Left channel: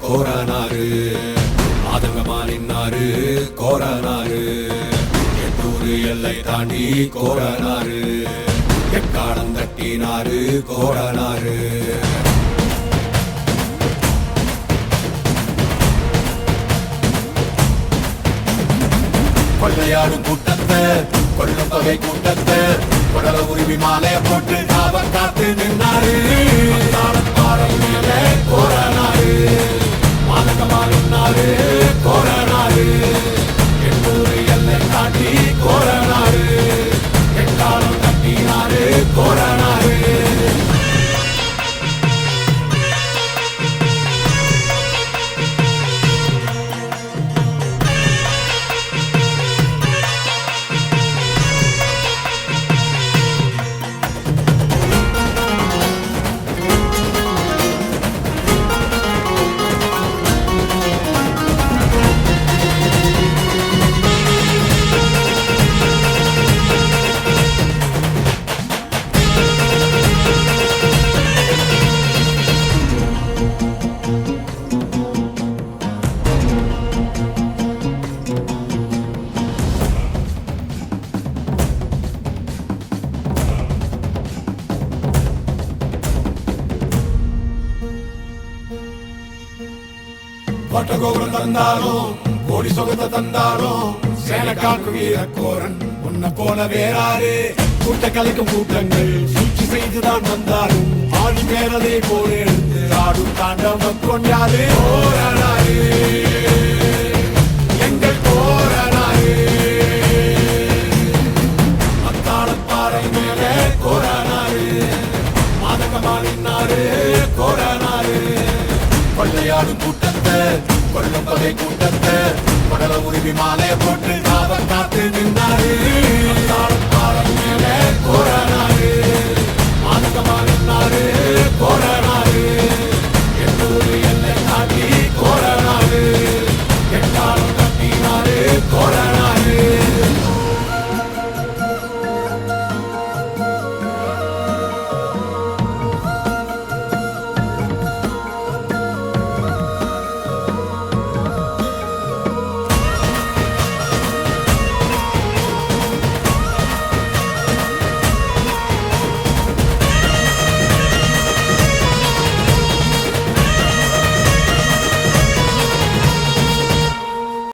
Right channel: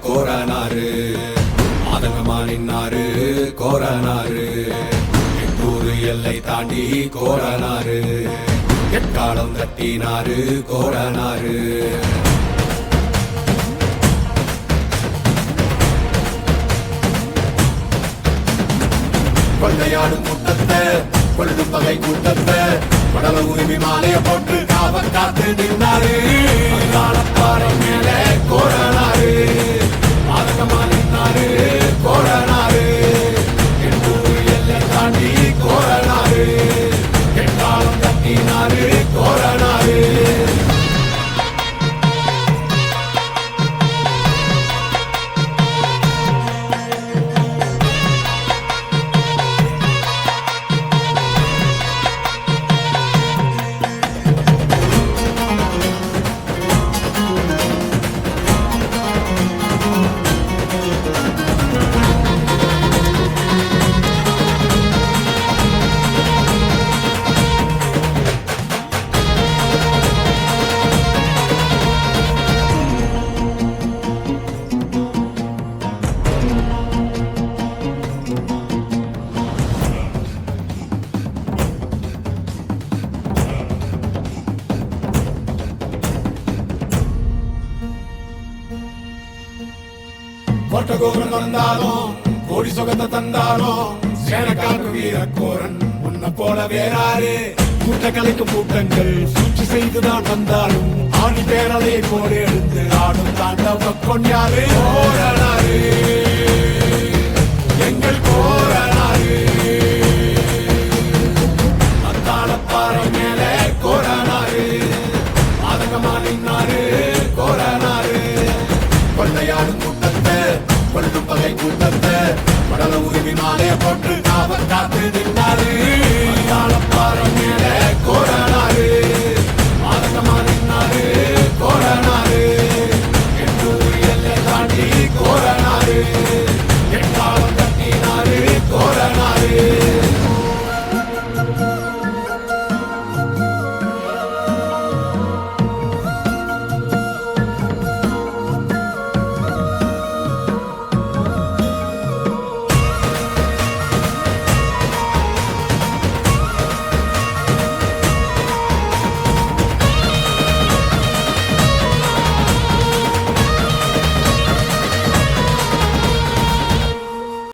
கோரனாரு மாதங்கமா நின்னாரு கோரனாரு எட்டூரு எல்லை தாண்டி கோரனாரு எக்காலம் தட்டினாரு கோரனாரு கொள்ளையாடும் கூட்டத்தை கொள்ளும் தொகை கூட்டத்தை உடல உரிமை மாலைய போட்டு காவல் காத்து நின்றாரு பாலம் மேல கோரனாரு மாதகமா நின்னாரு கோரனாரு எண்ணூறு எல்லை தாண்டி கோரனாரு எக்காலம் தட்டினாரு கோரனாரு வட்டகோபுரம் தந்தாலும் கோடி சொகத்தை தந்தாலும் சேனக்காக்கு வீரக்கோரன் உன்னை போல வேறாரு கூட்ட கலைக்கும் கூட்டங்கள் சூழ்ச்சி செய்துதான் வந்தாலும் ஆடி பேரலை போல எழுந்து ஆடும் தாண்டவ கொண்டாரு கோரனாரு எங்கள் கோரனாரு மத்தாளப்பாறை மேல கோரனாரு மாதகமா நின்னாரு கோரனாரு கொள்ளையாடும் கூட்டத்தை கொள்ளும் தொகை கூட்டத்தை உடல உரிமை மாலைய போட்டு காவல் காத்து நின்றாரு பாலம்